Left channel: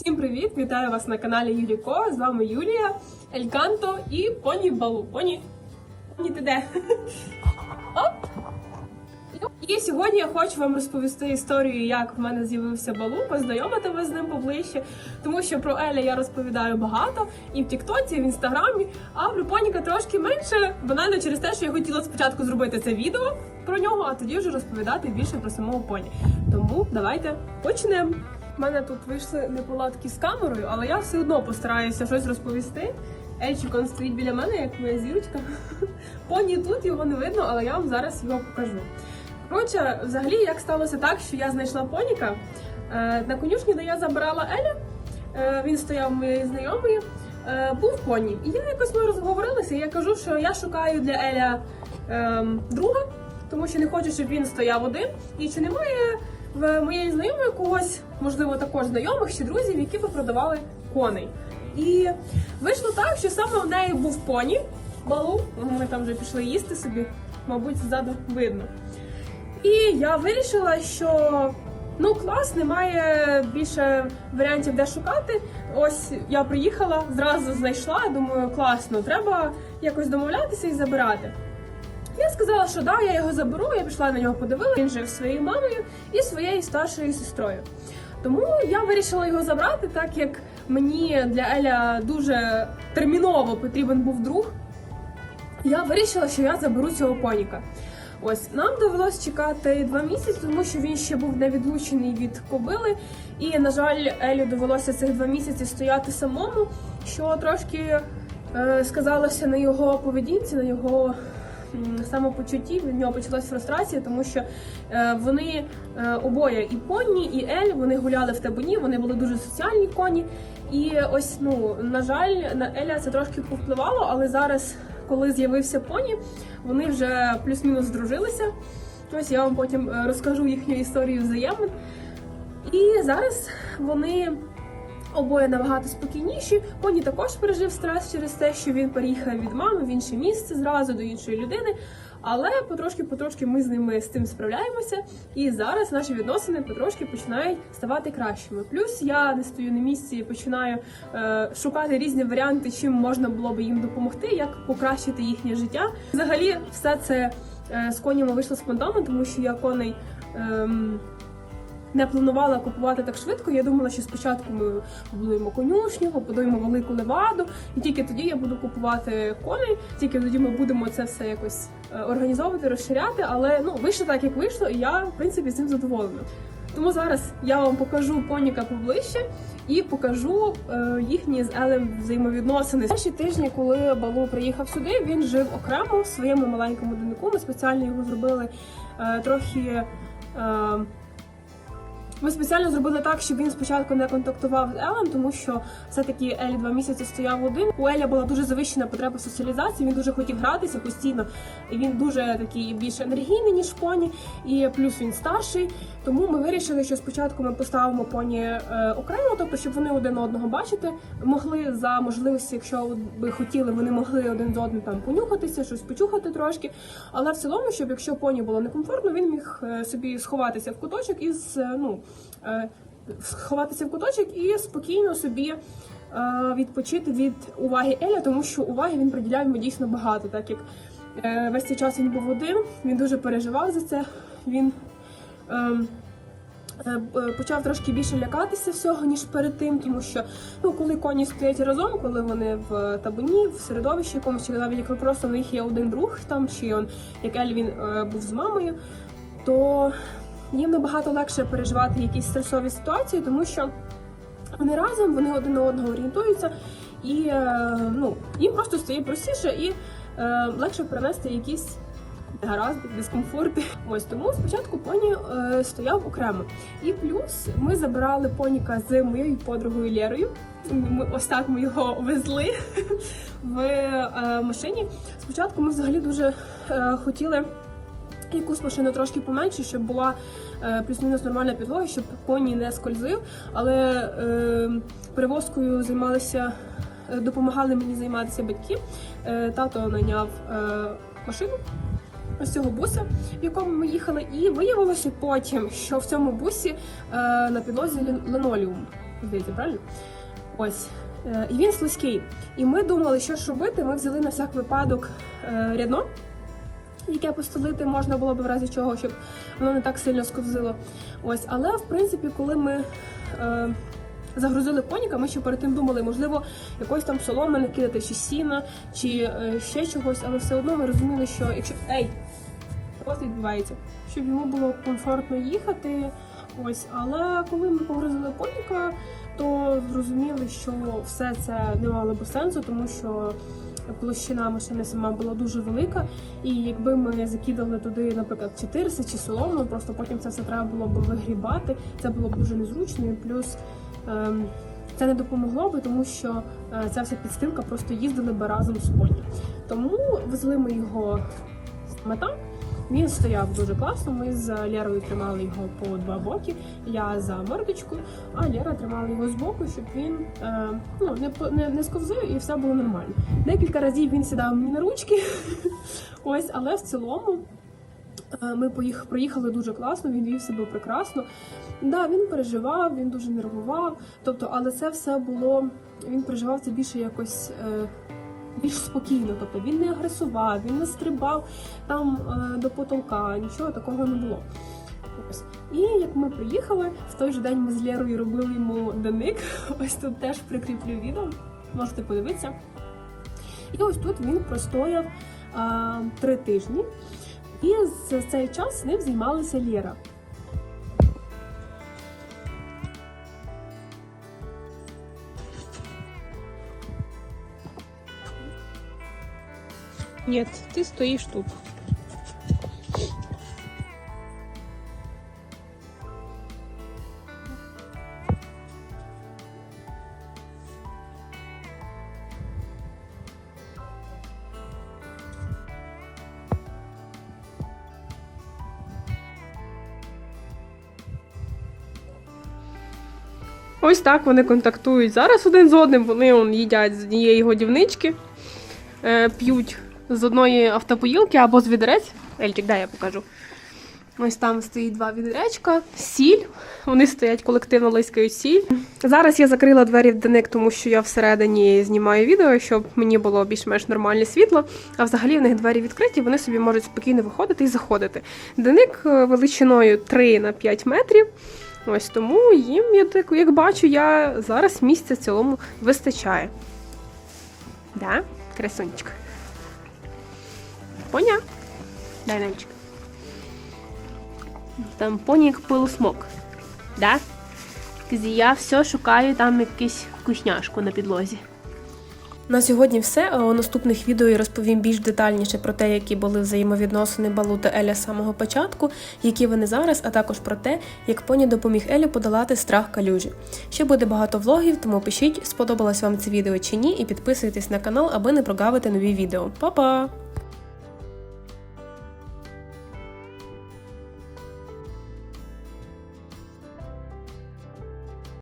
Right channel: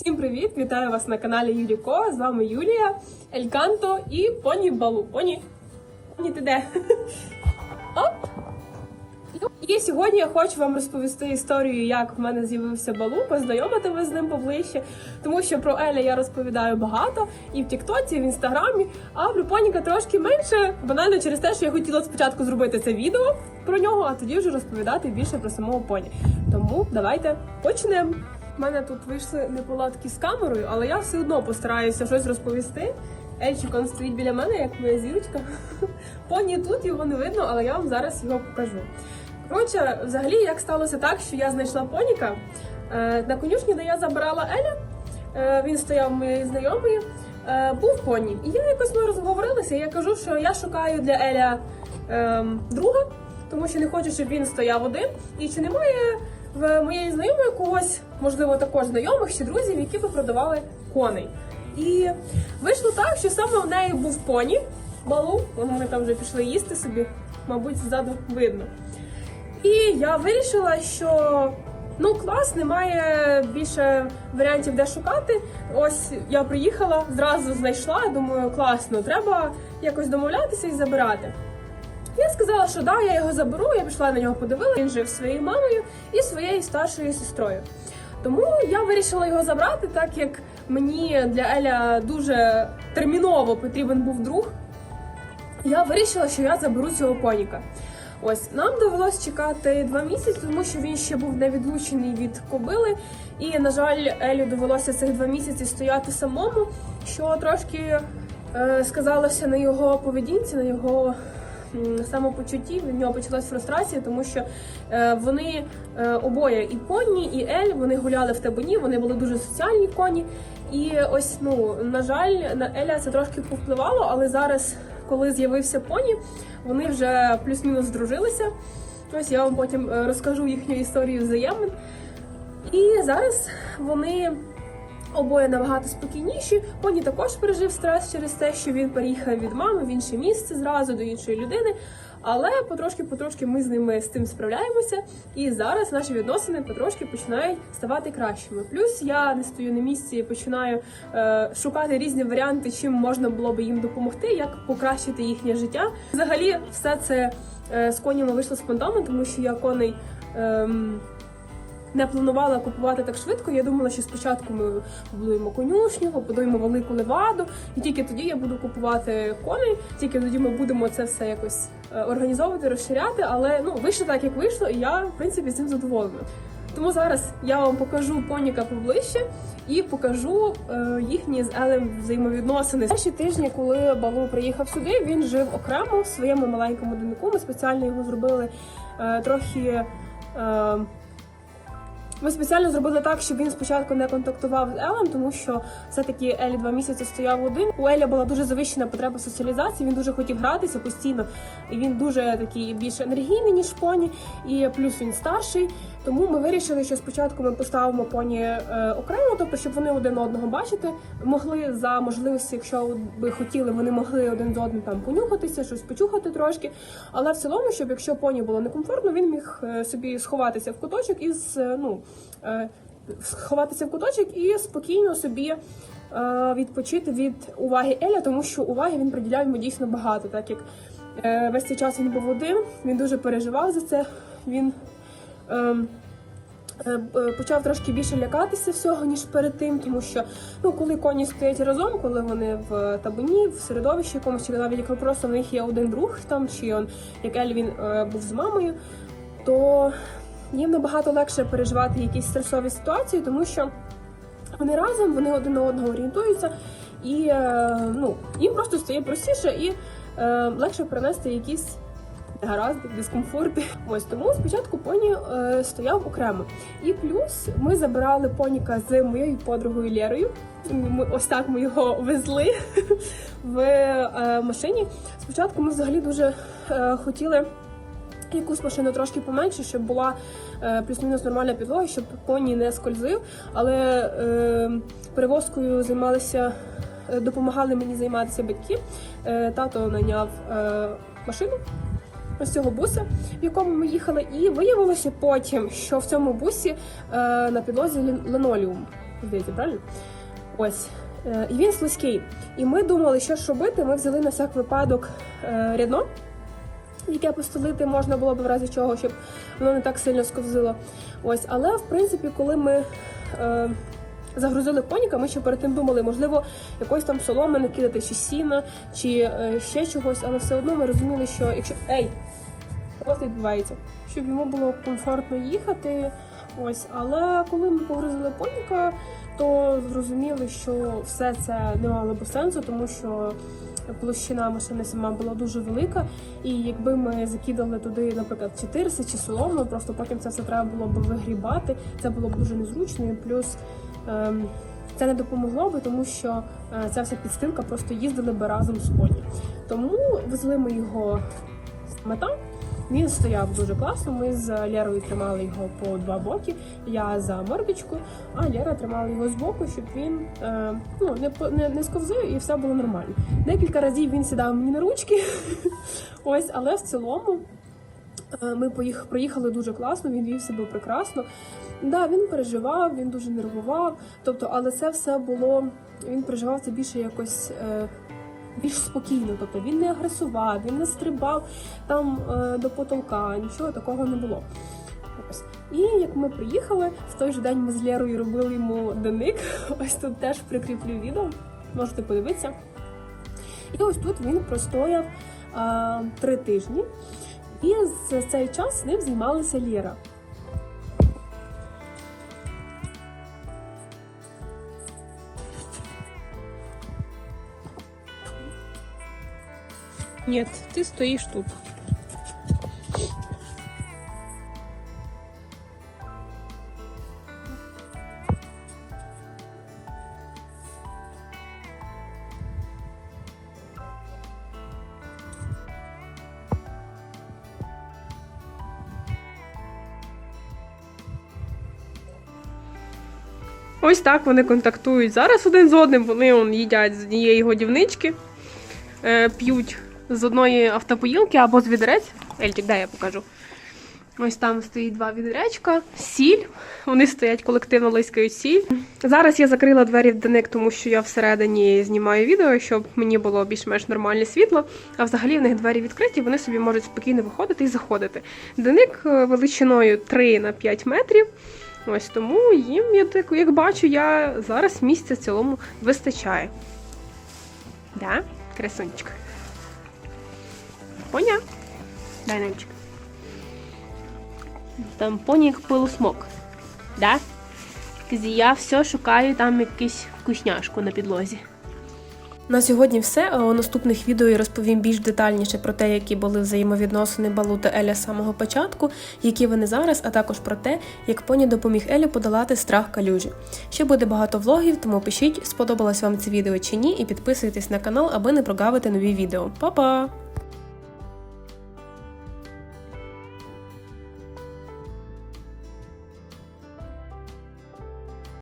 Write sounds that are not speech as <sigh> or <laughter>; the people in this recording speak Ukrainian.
Всім привіт! Вітаю вас на каналі Юліко. З вами Юлія, Ельканто і Поні Балу. Поні, Поні ти де? <laughs> І сьогодні я хочу вам розповісти історію, як в мене з'явився балу, познайомити вас з ним поближче, тому що про Еля я розповідаю багато і в Тіктоці, і в інстаграмі, а про Поніка трошки менше, банально через те, що я хотіла спочатку зробити це відео про нього, а тоді вже розповідати більше про самого поні. Тому давайте почнемо. У мене тут вийшли неполадки з камерою, але я все одно постараюся щось розповісти. Ельчик стоїть біля мене, як моя зірочка. <laughs> Поні тут його не видно, але я вам зараз його покажу. Коротше, взагалі, як сталося так, що я знайшла поніка е, на конюшні, де я забирала Еля. Е, він стояв у моєї знайомої, е, був поні. І я якось ми розговорилися. і Я кажу, що я шукаю для Еля е, друга, тому що не хочу, щоб він стояв один. І чи немає в моєї знайомої когось, можливо, також знайомих чи друзів, які би продавали коней. І вийшло так, що саме в неї був поні, балу, ми там вже пішли їсти собі, мабуть, ззаду видно. І я вирішила, що ну клас, немає більше варіантів, де шукати. Ось я приїхала, зразу знайшла. Думаю, класно, треба якось домовлятися і забирати. Я сказала, що да, я його заберу. Я пішла на нього подивилася. Він жив своєю мамою і своєю старшою сестрою. Тому я вирішила його забрати, так як мені для Еля дуже терміново потрібен був друг. Я вирішила, що я заберу цього поніка. Ось нам довелось чекати два місяці, тому що він ще був не відлучений від кобили. І, на жаль, Елю довелося цих два місяці стояти самому, що трошки е, сказалося на його поведінці, на його самопочутті. В нього почалась фрустрація, тому що е, вони е, обоє і поні, і Ель вони гуляли в табуні, вони були дуже соціальні коні. І ось, ну на жаль, на Еля це трошки повпливало, але зараз, коли з'явився поні, вони вже плюс-мінус здружилися. Ось я вам потім е, розкажу їхню історію взаємин. І зараз вони обоє набагато спокійніші. Поні також пережив стрес через те, що він переїхав від мами в інше місце зразу до іншої людини. Але потрошки-потрошки ми з ними з тим справляємося. І зараз наші відносини потрошки починають ставати кращими. Плюс я не стою на місці починаю е, шукати різні варіанти, чим можна було би їм допомогти, як покращити їхнє життя. Взагалі, все це е, з конями вийшло спонтанно, тому що я коней. ем, не планувала купувати так швидко. Я думала, що спочатку ми побудуємо конюшню, побудуємо велику леваду, і тільки тоді я буду купувати коней. Тільки тоді ми будемо це все якось е, організовувати, розширяти. Але ну вийшло так, як вийшло, і я в принципі з цим задоволена. Тому зараз я вам покажу коніка поближче і покажу е, їхні з Елем взаємовідносини. Перші тижні, коли Балу приїхав сюди, він жив окремо в своєму маленькому доміку. Ми спеціально його зробили е, трохи. Е, ми спеціально зробили так, щоб він спочатку не контактував з Елем, тому що все-таки Елі два місяці стояв один. У Еля була дуже завищена потреба соціалізації. Він дуже хотів гратися постійно, і він дуже такий більш енергійний, ніж поні, і плюс він старший. Тому ми вирішили, що спочатку ми поставимо поні е, окремо, тобто щоб вони один одного бачити, могли за можливості, якщо би хотіли, вони могли один з одним там понюхатися, щось почухати трошки. Але в цілому, щоб якщо поні було некомфортно, він міг е, собі сховатися в куточок і е, ну, сховатися в куточок і спокійно собі відпочити від уваги Еля, тому що уваги він приділяв йому дійсно багато, так як весь цей час він був один, він дуже переживав за це. Він ем, почав трошки більше лякатися всього, ніж перед тим, тому що ну, коли коні стоять разом, коли вони в табуні, в середовищі якомусь, чи навіть якщо просто в них є один друг, там чи он, як Ель він е, був з мамою, то їм набагато легше переживати якісь стресові ситуації, тому що вони разом, вони один на одного орієнтуються, і е, ну, їм просто стає простіше і е, легше перенести якісь гаразди, дискомфорти. <laughs> Ось тому спочатку поні е, стояв окремо. І плюс ми забирали поніка з моєю подругою Лєрою. Ось так ми його везли <laughs> в е, машині. Спочатку ми взагалі дуже е, хотіли якусь машину трошки поменше, щоб була е, плюс-мінус нормальна підлога, щоб поні не скользив. Але е, перевозкою займалися, е, допомагали мені займатися батьки. Е, тато найняв е, машину. Ось цього буса, в якому ми їхали, і виявилося потім, що в цьому бусі е, на підлозі линолеум. Здається, правильно? Ось. Е, він слизький. І ми думали, що ж робити. Ми взяли на всяк випадок е, рядно, яке постелити можна було б в разі чого, щоб воно не так сильно сковзило. Ось, але в принципі, коли ми е, загрузили коніка, ми ще перед тим думали, можливо, якось там соломи накидати, чи сіна, чи е, ще чогось, але все одно ми розуміли, що якщо ей, просто відбувається, щоб йому було комфортно їхати. Ось, але коли ми погрузили коніка, то зрозуміли, що все це не мало би сенсу, тому що площина машини сама була дуже велика, і якби ми закидали туди, наприклад, 400 чи солому, просто потім це все треба було б вигрібати. Це було б дуже незручно, і плюс це не допомогло би, тому що е, ця вся підстилка просто їздили би разом з коні. Тому везли ми його з мета. Він стояв дуже класно. Ми з Лєрою тримали його по два боки. Я за мордочку, а Лєра тримала його з боку, щоб він е, ну, не, не, не сковзив і все було нормально. Декілька разів він сідав мені на ручки. <laughs> Ось, але в цілому ми поїх, проїхали дуже класно, він вів себе прекрасно. Да, він переживав, він дуже нервував. Тобто, але це все було. Він переживав це більше якось. Е, більш спокійно, тобто він не агресував, він не стрибав там е, до потолка, нічого такого не було. І як ми приїхали, в той же день ми з Лєрою робили йому денник. <laughs> Ось тут теж прикріплю відео, можете подивитися. І ось тут він простояв е, три тижні. І за цей час з ним займалася Ліра. Нет, ты стоишь тут. Ось так вони контактують. Зараз один з одним вони он, їдять з однієї годівнички, е, п'ють з одної автопоїлки або з відерець. Ельчик, дай я покажу. Ось там стоїть два відеречка, сіль. Вони стоять колективно лискають сіль. Зараз я закрила двері в деник, тому що я всередині знімаю відео, щоб мені було більш-менш нормальне світло. А взагалі в них двері відкриті, вони собі можуть спокійно виходити і заходити. Деник е, величиною 3 на 5 метрів. Ось тому їм, я так, як бачу, я зараз місця в цілому вистачає. Да? Красунчик. Поня? Дай Нальчик. Там поні як пилосмок. Да? Я все шукаю там якусь вкусняшку на підлозі. На сьогодні все. А у наступних відео я розповім більш детальніше про те, які були взаємовідносини Балу та Еля з самого початку, які вони зараз, а також про те, як поні допоміг Елі подолати страх калюжі. Ще буде багато влогів, тому пишіть, сподобалось вам це відео чи ні, і підписуйтесь на канал, аби не прогавити нові відео. Па-па!